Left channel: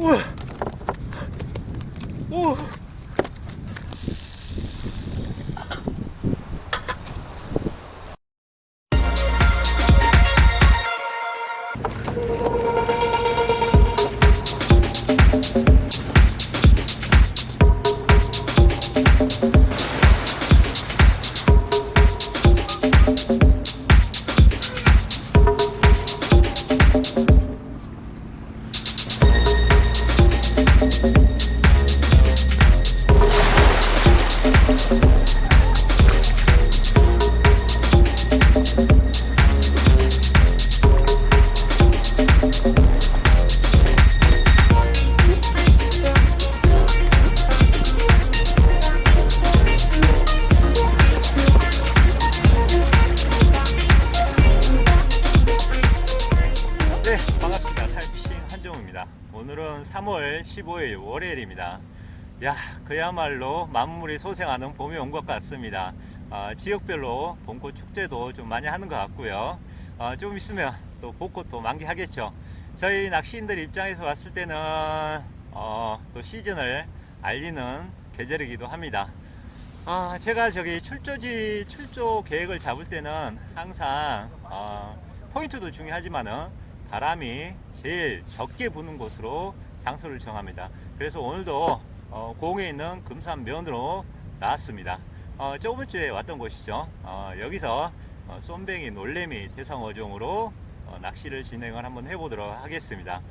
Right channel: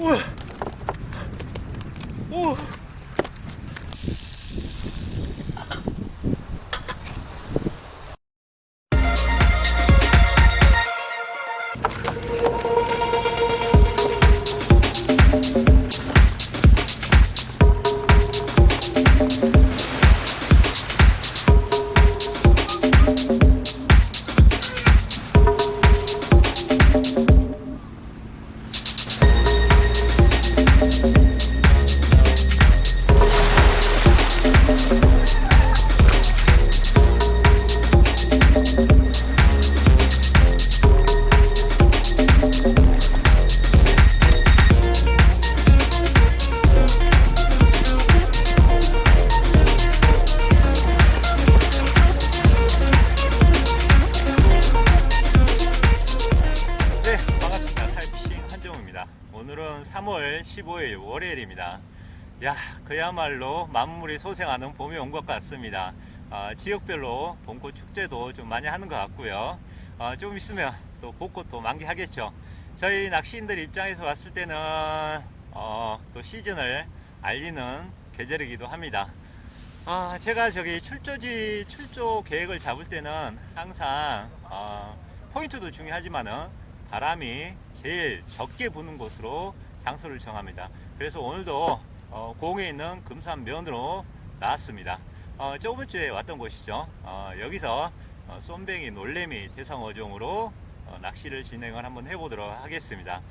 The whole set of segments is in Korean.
우와. 오. 네, 15일 월요일입니다. 야, 그야말로 만물이 소생하는 봄이 온 것 같습니다. 아, 지역별로 봄꽃 축제도 좀 많이 하는 것 같고요. 아, 좀 있으면 또 벚꽃도 만개하겠죠. 저희 낚시인들 입장에서 봤을 때는 어, 또 시즌을 알리는 계절이기도 합니다. 아, 제가 저기 출조지 출조 계획을 잡을 때는 항상 어, 포인트도 중요하지만은 바람이 제일 적게 부는 곳으로 장소를 정합니다. 그래서 오늘도 어, 공에 있는 금산면으로 나왔습니다. 어, 저번 주에 왔던 곳이죠. 어, 여기서 어, 쏨뱅이 놀래미 대상어종으로 어, 낚시를 진행을 한번 해보도록 하겠습니다.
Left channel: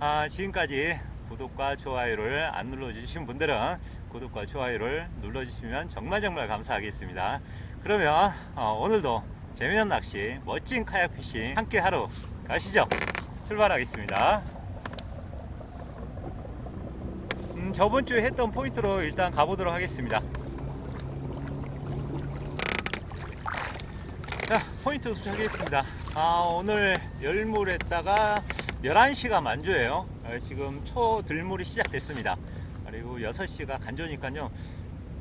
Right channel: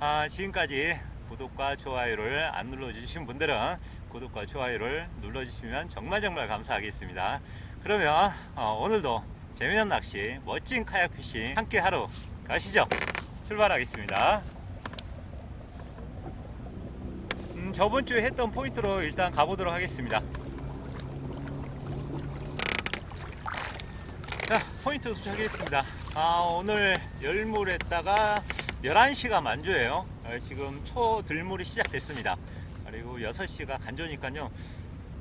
아, 지금까지 구독과 좋아요를 안 눌러주신 분들은 구독과 좋아요를 눌러주시면 정말 정말 감사하겠습니다. 그러면 어, 오늘도 재미난 낚시, 멋진 카약 피싱 함께 하러 가시죠. 출발하겠습니다. 음, 저번 주에 했던 포인트로 일단 가보도록 하겠습니다. 자, 포인트 도착했습니다. 아, 오늘 열물에다가 11시가 만조예요. 어, 지금 초 들물이 시작됐습니다. 그리고 6시가 간조니까요.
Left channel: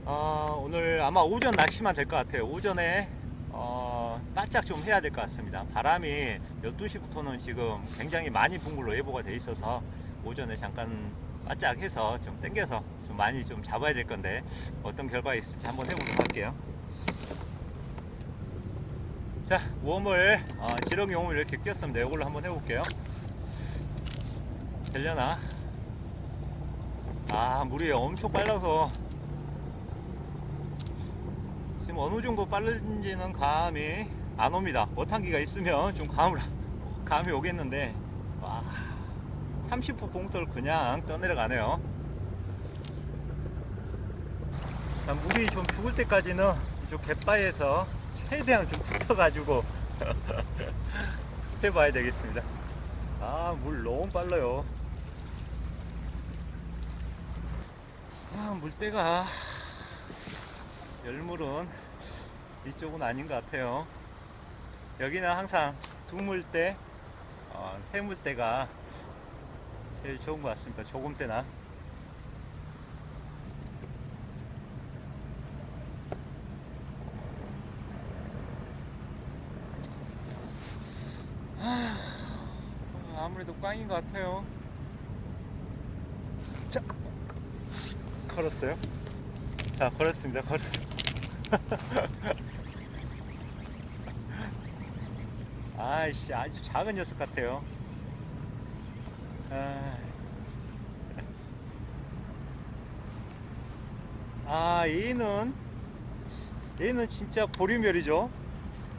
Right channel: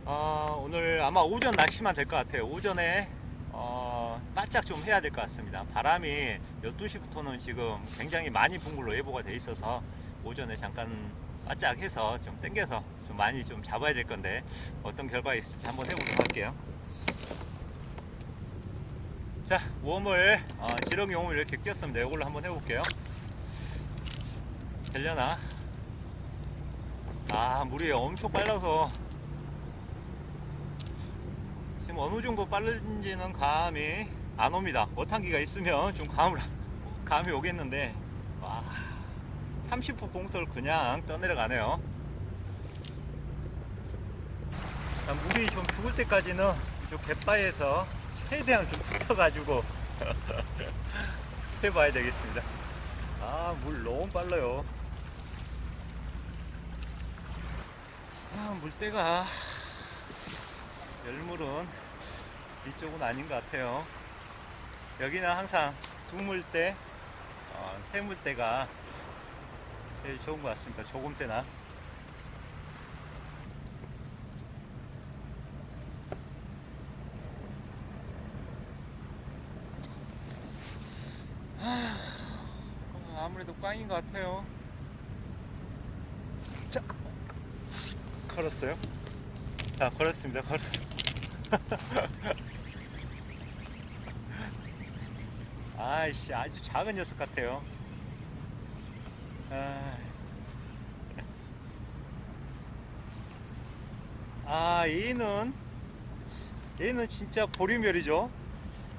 어, 오늘 아마 오전 낚시만 될 것 같아요. 오전에 어, 바짝 좀 해야 될 것 같습니다. 바람이 12시부터는 지금 굉장히 많이 분 걸로 예보가 돼 있어서 오전에 잠깐 바짝 해서 좀 땡겨서 좀 많이 좀 잡아야 될 건데 어떤 결과가 있을지 한번 해보도록 할게요. 자, 웜을 어, 지렁이 웜을 이렇게 끼웠습니다. 이걸로 한번 해볼게요. 되려나? 아, 물이 엄청 빨라서 지금 어느 정도 빠른지는 감이 안 옵니다. 어탕기가 있으면 좀 감을 감이 오겠는데 와, 30호 공터를 그냥 떠내려가네요. 자, 물이 좀 죽을 때까지는 이쪽 갯바에서 최대한 좀 붙어가지고 해봐야 되겠습니다. 아, 물 너무 빨라요. 아, 물때가 열물은 이쪽은 아닌 것 같아요. 여기는 항상 두물때, 어, 세물때가 제일 좋은 것 같습니다. 조금 때나. 하, 아무래도 꽝인 것 같아요. 자, 걸었어요. 자, 걸었습니다. 걸었어. 아이씨, 아주 작은 녀석 같아요. 아, 아 얘는 얘는 진짜 보리멸이죠.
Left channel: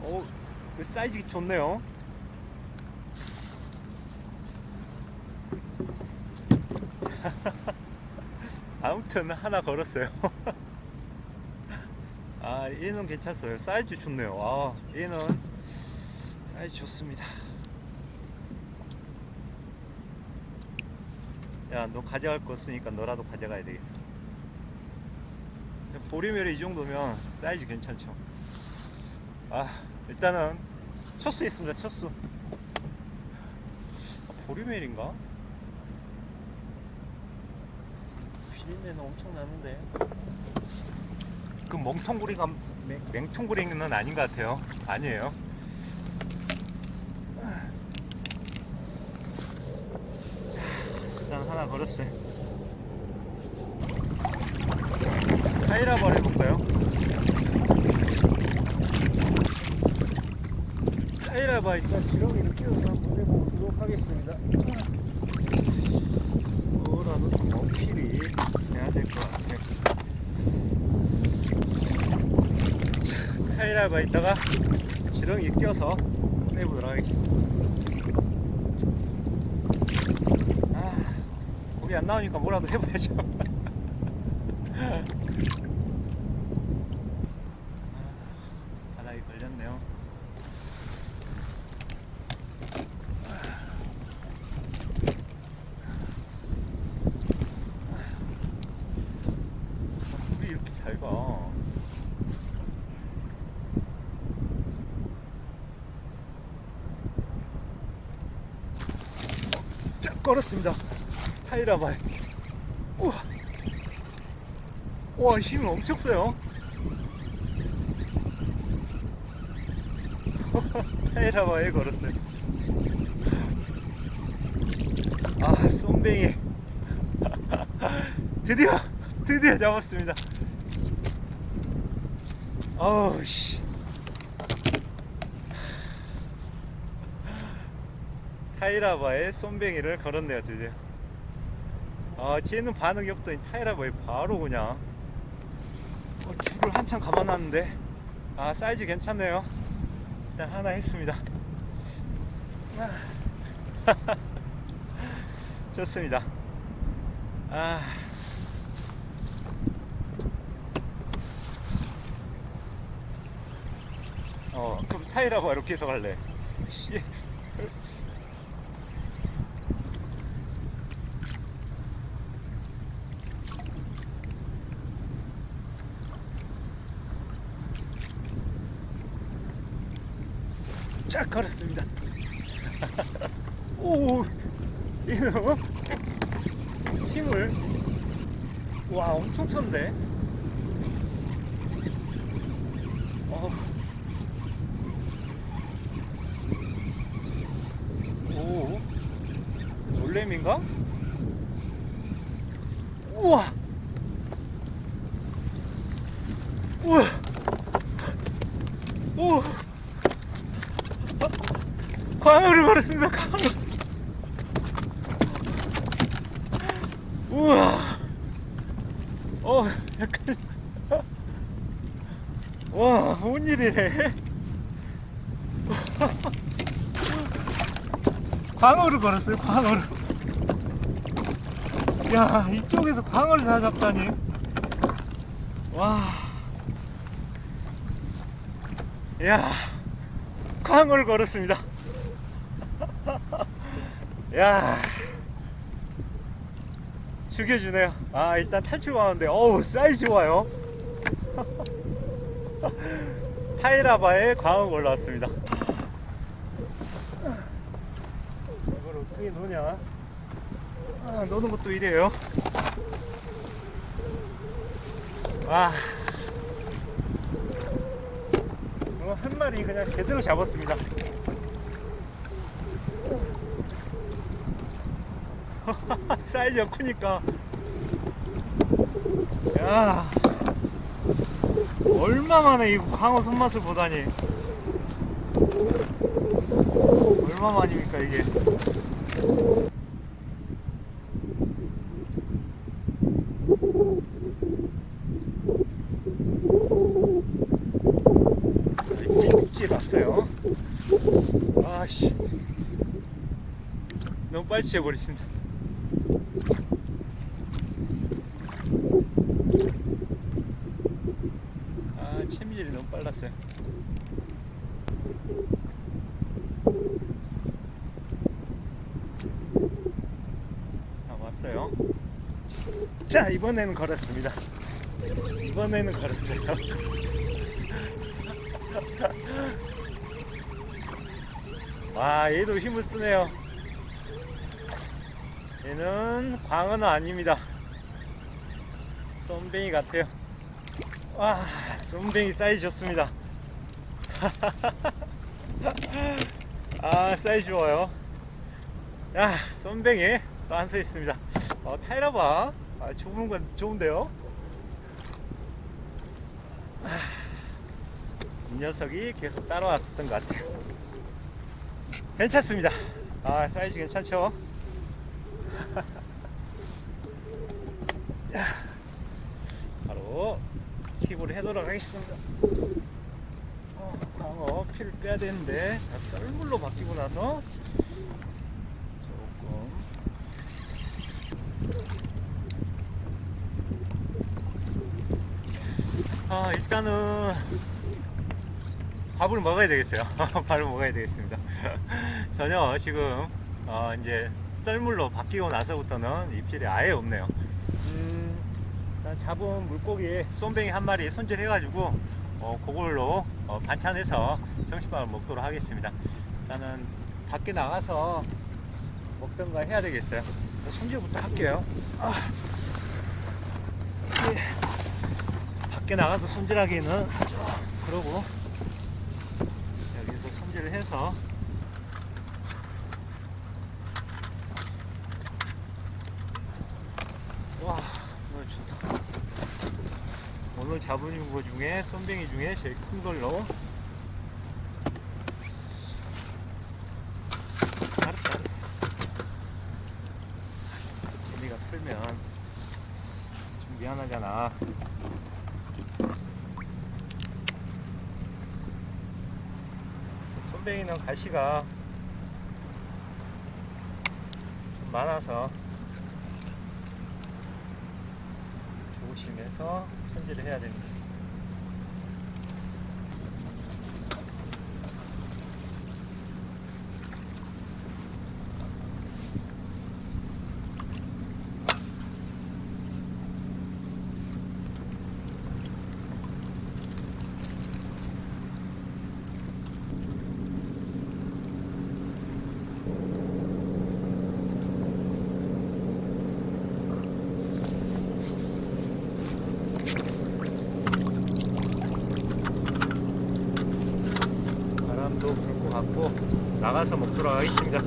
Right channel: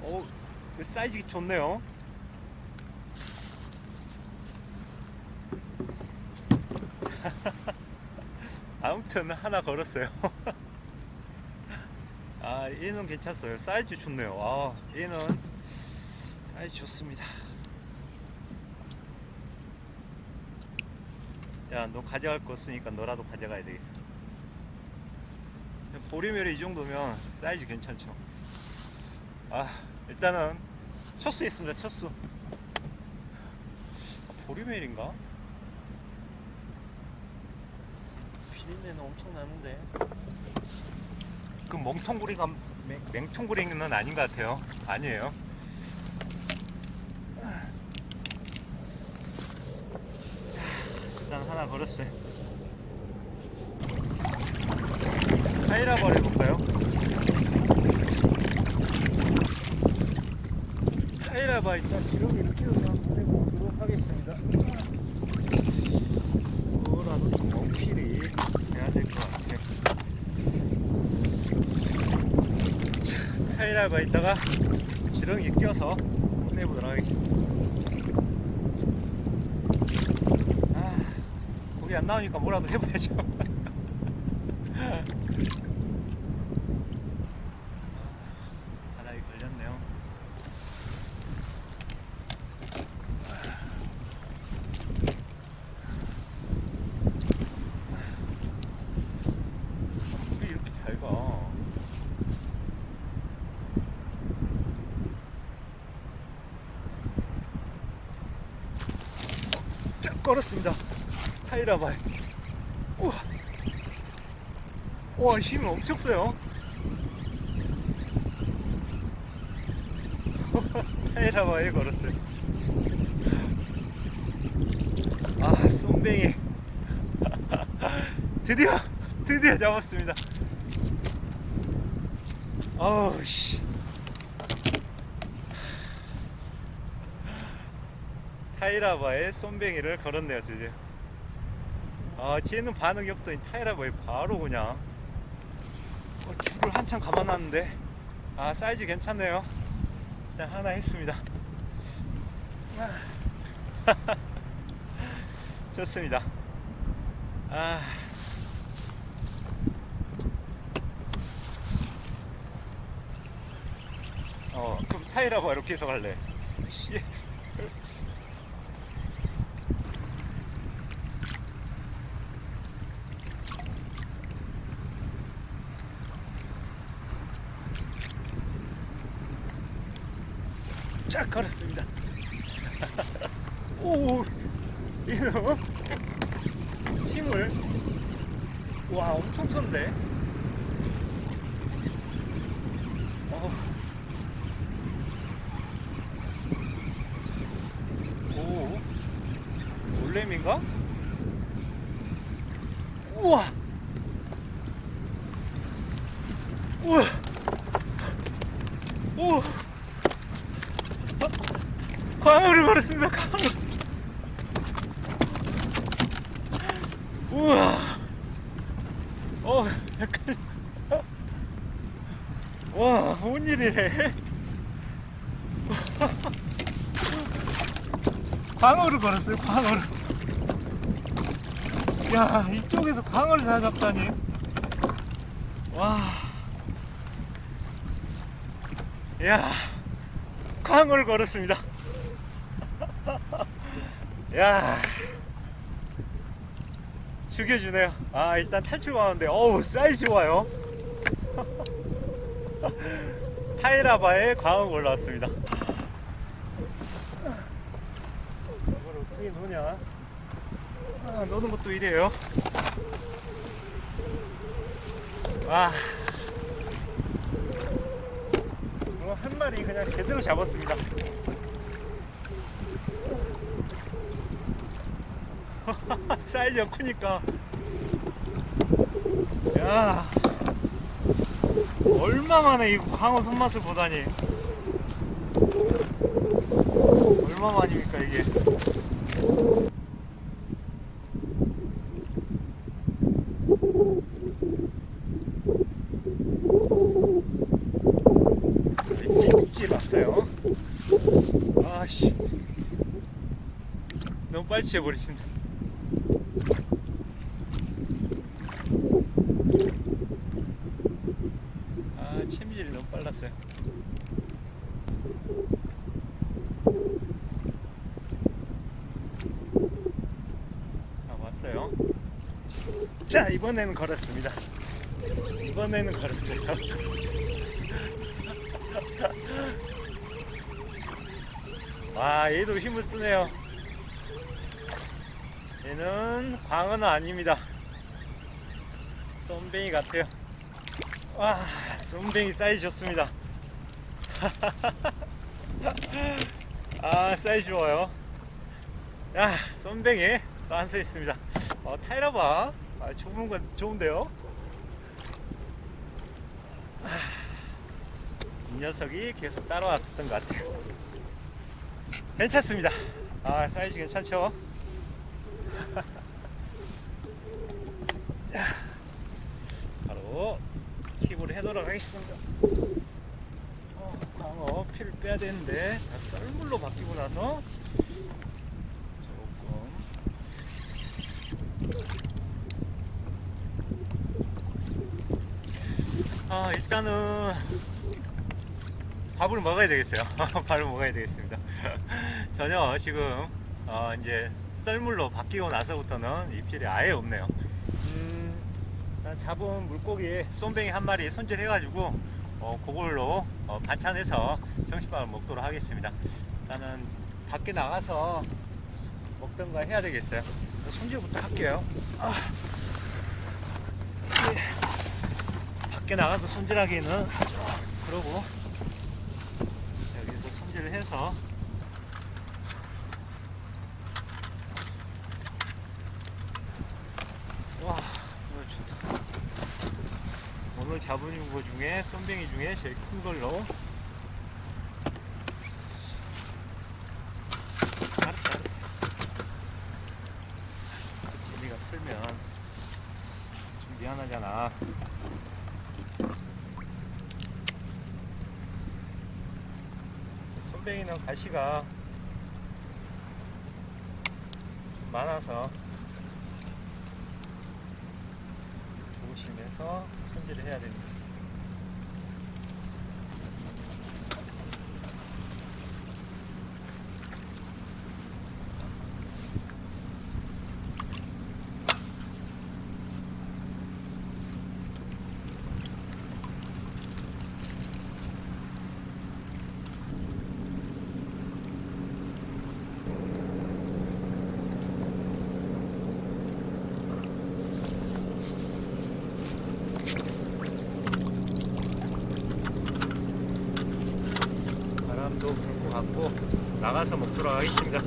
오, 그 사이즈 좋네요. 아무튼 하나 걸었어요. 아 얘는 괜찮어요. 사이즈 좋네요. 아 얘는 사이즈 좋습니다. 야 너 가져갈 거 없으니까 너라도 가져가야 되겠어. 보리멸이 이 정도면 사이즈 괜찮죠. 아 일단은 첫수 있습니다. 첫수. 아, 보리멸인가? 비린내는 엄청 나는데. 그 멍텅구리가 맹, 맹통구리는 아닌 것 같아요. 아니에요. 걸. 걸었어요. 타이라바를 해볼까요? 타이라바 일단 지렁이를 끼워서 한번 해보도록 하겠습니다. 뭐라도 좀 어필이 돼야 될 것 같아요. 자, 타이라 바 있다가 지렁이 한번 해보도록 하겠습니다. 아, 고기 안 나오니까 뭐라도 해봐야죠. 아, 바닥에 걸렸네요. 아, 물이 이렇게 잘 가. 쫙 걸었습니다. 타이라발. 우와. 와, 힘이 엄청 세요. 타이라바에 걸었어요. 아, 쏨뱅이. 드디어, 드디어 잡았습니다. 아우, 씨. 타이라바에 쏨뱅이를 걸었네요, 드디어. 아, 쟤는 반응이 없더니 타이라바에 바로 그냥 어, 줄을 한참 감아놨는데 아, 사이즈 괜찮네요. 일단 하나 했습니다. 아. 좋습니다. 아. 어, 그럼 타이라바 이렇게 해서 갈래. 씨. 쫙 걸었습니다. 오, 얘는 어? 힘을 와 엄청 쳤는데. 어. 오, 올렘인가? 우와, 우와, 오. 광어를 걸었습니다. 광어. 우와. 어, 약간. 와, 뭔 일이래. 광어를 걸었어요, 광어를. 야, 이쪽에서 광어를 다 잡다니. 와. 야, 광어를 걸었습니다. 야. 죽여주네요. 아 일단 탈출하는데. 어우 사이즈 좋아요. 타이라바에 광어 올라왔습니다. 이걸 어떻게 노냐? 아 노는 것도 이래요. 와 이거 한 마리 그냥 제대로 잡았습니다 사이즈가 크니까. 야. 얼마만에 이 광어 손맛을 보다니. 얼마만입니까 이게? 찌 났어요. 아씨. 너무 빨리 취해버리신다 아 채미질이 너무 빨랐어요 아 왔어요? 자 이번에는 걸었습니다. 이번에는 걸었어요. 와 얘도 힘을 쓰네요. 얘는 광어는 아닙니다. 쏨뱅이 같아요. 와 쏨뱅이 사이즈 좋습니다. 아 사이즈 좋아요 야 쏨뱅이 또한서 있습니다 어, 타이라바. 아, 좁은 건 좋은데요? 아, 이 녀석이 계속 따라왔었던 것 같아요. 괜찮습니다. 아, 사이즈 괜찮죠? 야, 바로 킵을 해도록 하겠습니다. 어, 광어 피를 빼야 되는데 자, 썰물로 바뀌고 나서 조금 아 일단은 밥을 먹어야 되겠어요. 밥을 먹어야 되겠습니다. 전혀 지금 어, 이제 썰물로 바뀌고 나서부터는 입질이 아예 없네요. 음, 일단 잡은 물고기 쏨뱅이 한 마리 손질해가지고 어, 그걸로 어, 반찬해서 점심밥을 먹도록 하겠습니다. 일단은 밖에 나가서 먹던가 해야 되겠어요. 손질부터 할게요. 아. 예. 밖에 나가서 손질하기는 좀 그러고 여기서 손질을 해서 와 오늘 좋다. 오늘 잡은 거 중에 쏨뱅이 중에 제일 큰 걸로. 알았어 알았어. 재미가 풀면 좀 미안하잖아 손뱅이는 가시가 좀 많아서 조심해서 손질을 해야 됩니다. 바람도 불 것 같고 나가서 먹도록 하겠습니다.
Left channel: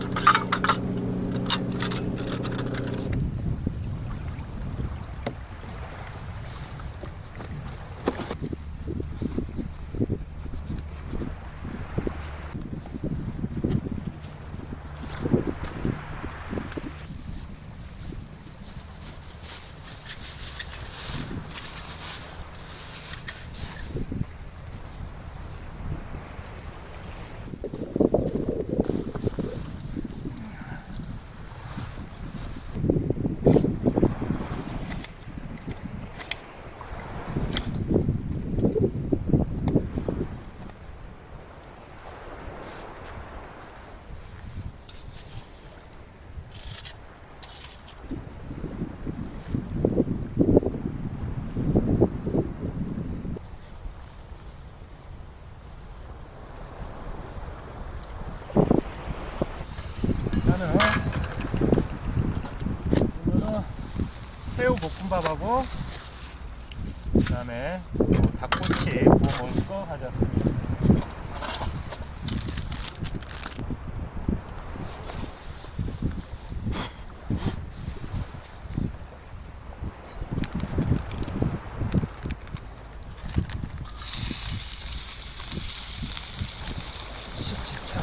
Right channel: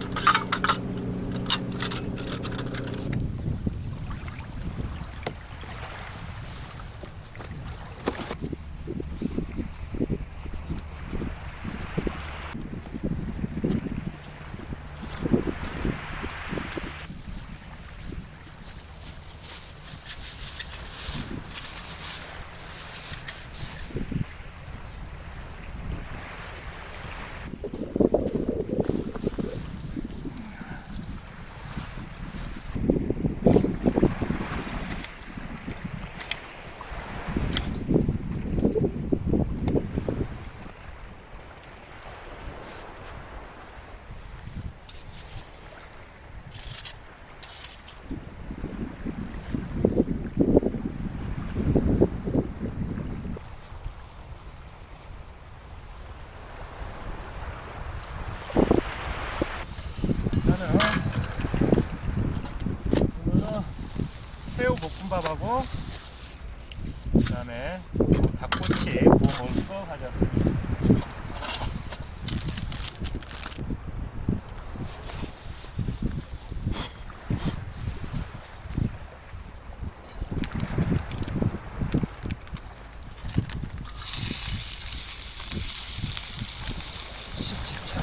나는 오늘은 새우 볶음밥하고 그다음에 또 닭꼬치 구워 먹을 거 가져왔습니다. 진짜.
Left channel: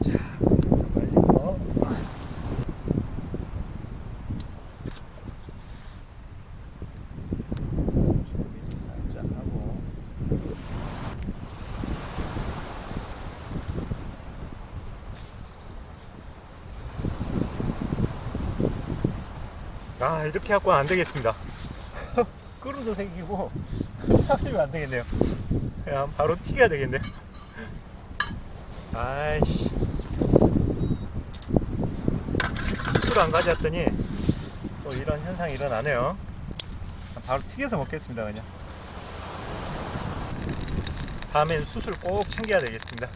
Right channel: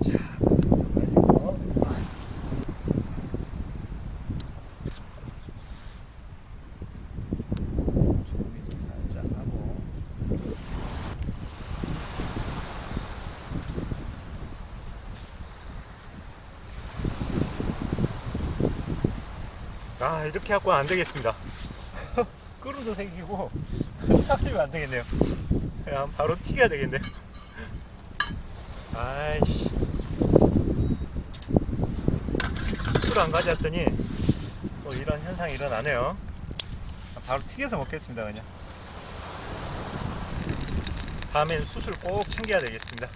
자, 생선 말린 거. 조미도 살짝 하고. 아, 이렇게 갖고는 안 되겠습니다. 끄루도 생기고, 타면 안 되겠네요. 그냥 바로 튀겨야 되겠네. 아이씨. 술 안 가져왔더니 또 이런 현상이 일어나네요. 바로 튀겨서 먹겠습니다, 그냥. 다음엔 숯을 꼭 챙겨야 되겠습니다.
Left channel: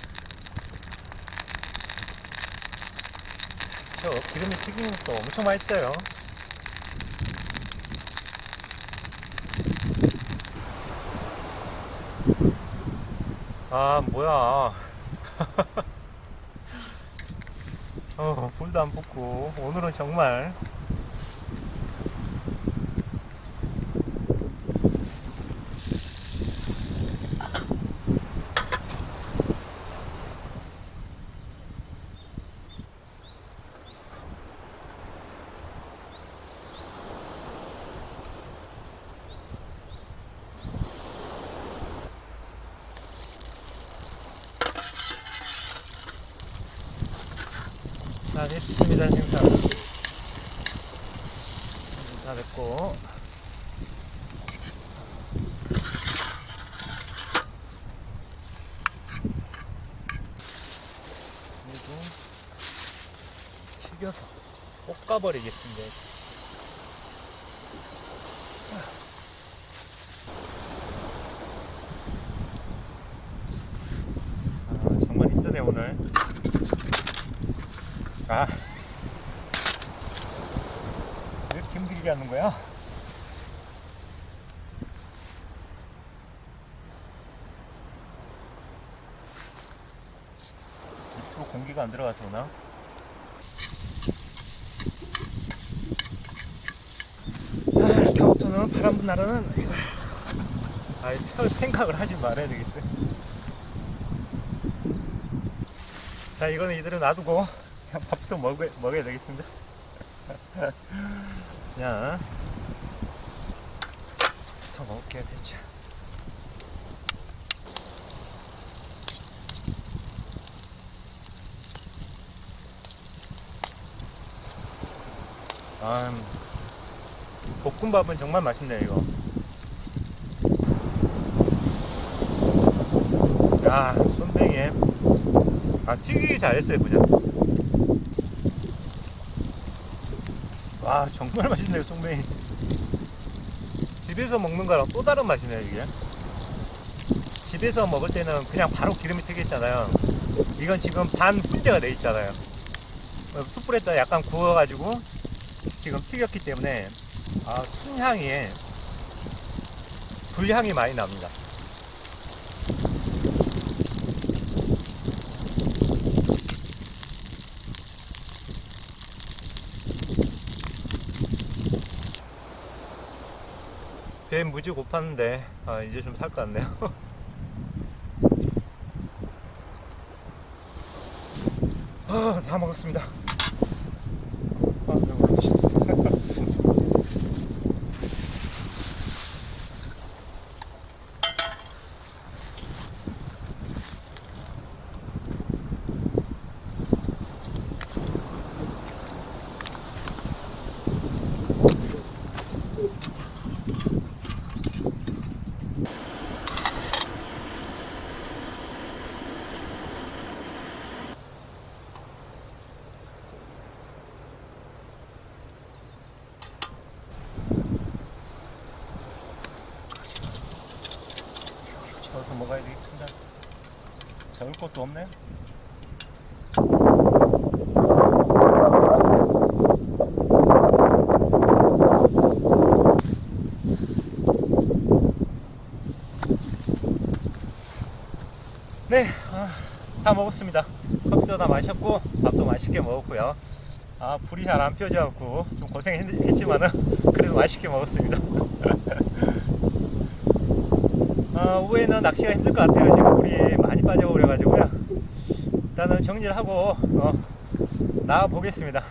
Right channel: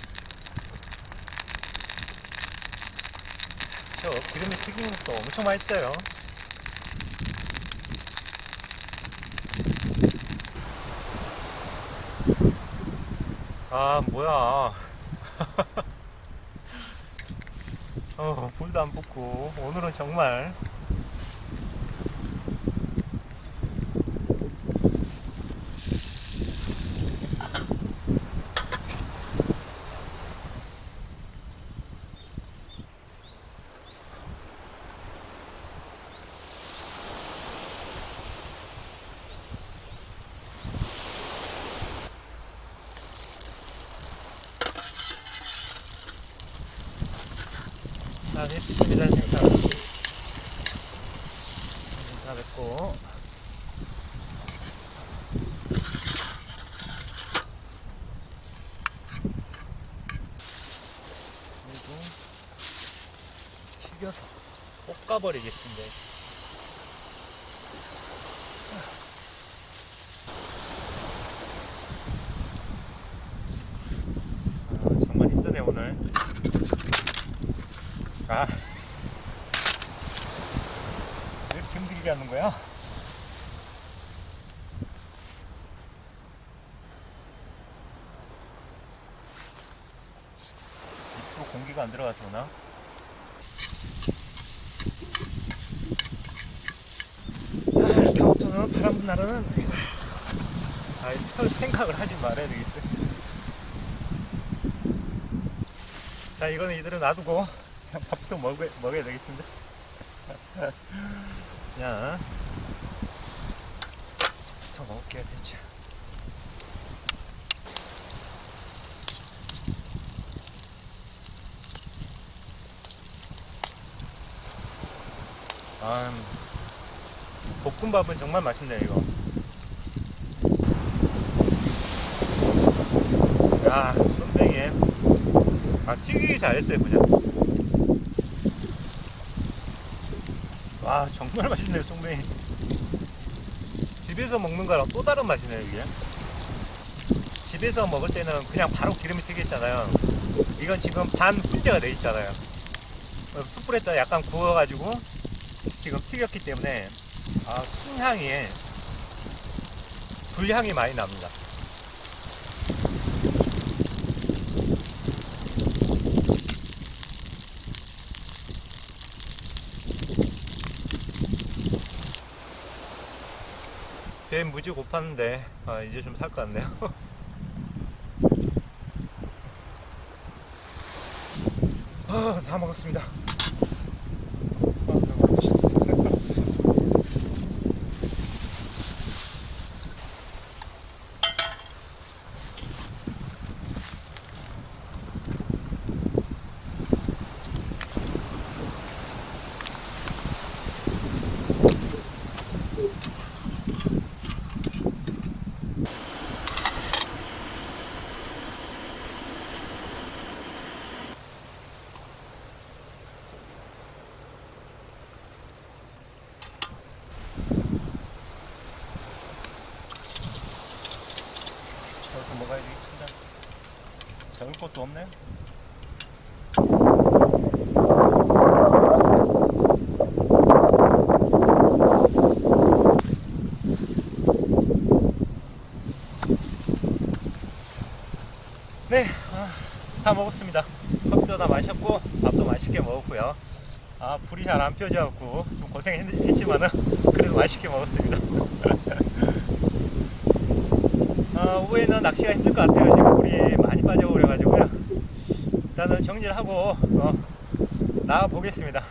기름이 튀기는 것도 엄청 맛있어요. 아 뭐야. 어 불도 안 붙고. 오늘은 정말 다 됐습니다 생선 다 됐고. 그리고 튀겨서 볶아버리겠습니다. 아, 정말 힘드네 오늘 아. 왜 이렇게 힘들게 하는 거야? 입으로 공기가 안 들어가서 그나? 아, 다음부터는 바람 분 날은 아, 별 생각을 하지 말아야 되겠어요. 자, 이거는 이대로 놔두고 밥도 먹어, 먹어야 되겠습니다. 그냥 더 먹을게요, 대체. 아, 볶음밥은 정말 맛있네요, 이거. 야, 손뱅이에. 아, 튀기기 잘했어요, 그냥. 와 정말 맛있네요 송뱅이. 집에서 먹는 거랑 또 다른 맛이네요 이게. 집에서 먹을 때는 그냥 바로 기름이 튀겼잖아요. 이건 지금 반 훈제가 돼 있잖아요. 어, 숯불에다 약간 구워가지고 지금 튀겼기 때문에 아 순향이 불향이 많이 납니다 배 무지 고팠는데 아 이제 좀 살 것 같네요. 아, 다 먹었습니다 아, 배고프지. 저어서 먹어야 되겠습니다 적을 것도 없네 네, 아, 다 먹었습니다. 커피도 다 마셨고 밥도 맛있게 먹었고요. 아 불이 잘 안 펴져갖고 좀 고생했지만은 그래도 맛있게 먹었습니다. 아, 오후에는 낚시가 힘들 것 같아요. 지금 물이 많이 빠져버려가지고요. 일단은 정리를 하고 어, 나가 보겠습니다.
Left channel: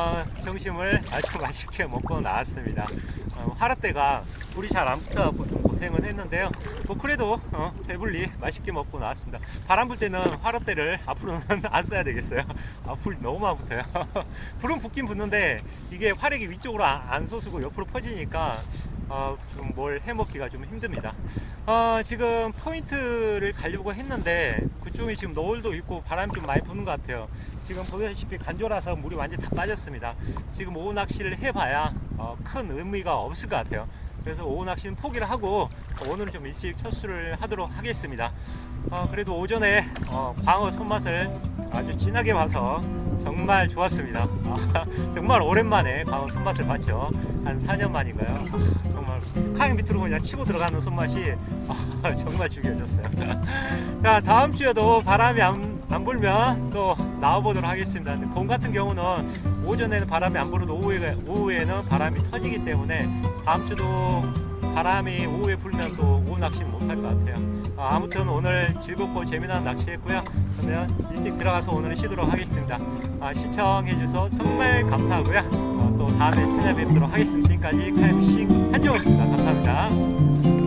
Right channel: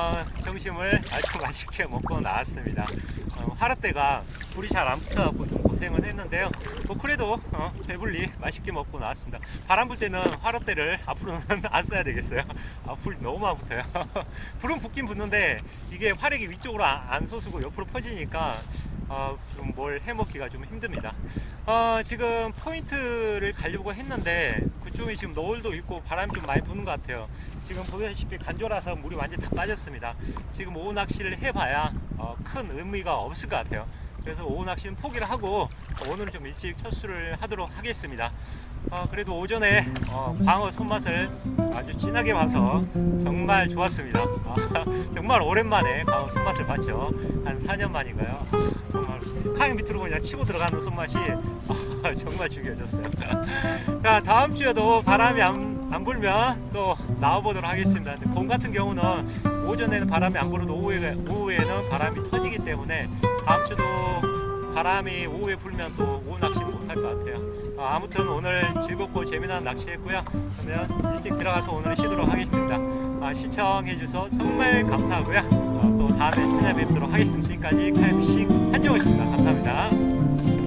어, 점심을 아주 맛있게 먹고 나왔습니다. 어, 화라떼가 불이 잘 안 붙어갖고 좀 고생을 했는데요. 뭐 그래도 어, 배불리 맛있게 먹고 나왔습니다. 바람 불 때는 화라떼를 앞으로는 안 써야 되겠어요. 아, 불 너무 많이 붙어요. 불은 붙긴 붙는데 이게 화력이 위쪽으로 안, 안 솟고 옆으로 퍼지니까 어, 좀뭘 해먹기가 좀 힘듭니다. 어, 지금 포인트를 가려고 했는데 그쪽이 지금 노을도 있고 바람이 좀 많이 부는 것 같아요. 지금 보다시피 간조라서 물이 완전 다 빠졌습니다. 지금 오후 낚시를 해봐야 어, 큰 의미가 없을 것 같아요. 그래서 오후 낚시는 포기를 하고 오늘은 좀 일찍 첫수를 하도록 하겠습니다. 어, 그래도 오전에 어, 광어 손맛을 아주 진하게 봐서 정말 좋았습니다. 아, 정말 오랜만에 광어 손맛을 봤죠. 한 4년 만인가요? 아, 정말 카약 밑으로 그냥 치고 들어가는 손맛이 아, 정말 죽여졌어요. 자 다음 주에도 바람이 안, 안 불면 또 나와보도록 하겠습니다. 봄 같은 경우는 오전에는 바람이 안 불어도 오후에, 오후에는 바람이 터지기 때문에 다음 주도 바람이 오후에 불면 또 오후 낚시는 못할 것 같아요. 아, 아무튼 오늘 즐겁고 재미난 낚시했고요. 그러면 일찍 들어가서 오늘 쉬도록 하겠습니다. 아, 시청해주셔서 정말 감사하고요. 어, 또 다음에 찾아뵙도록 하겠습니다. 지금까지 카이피싱 한정호였습니다. 감사합니다.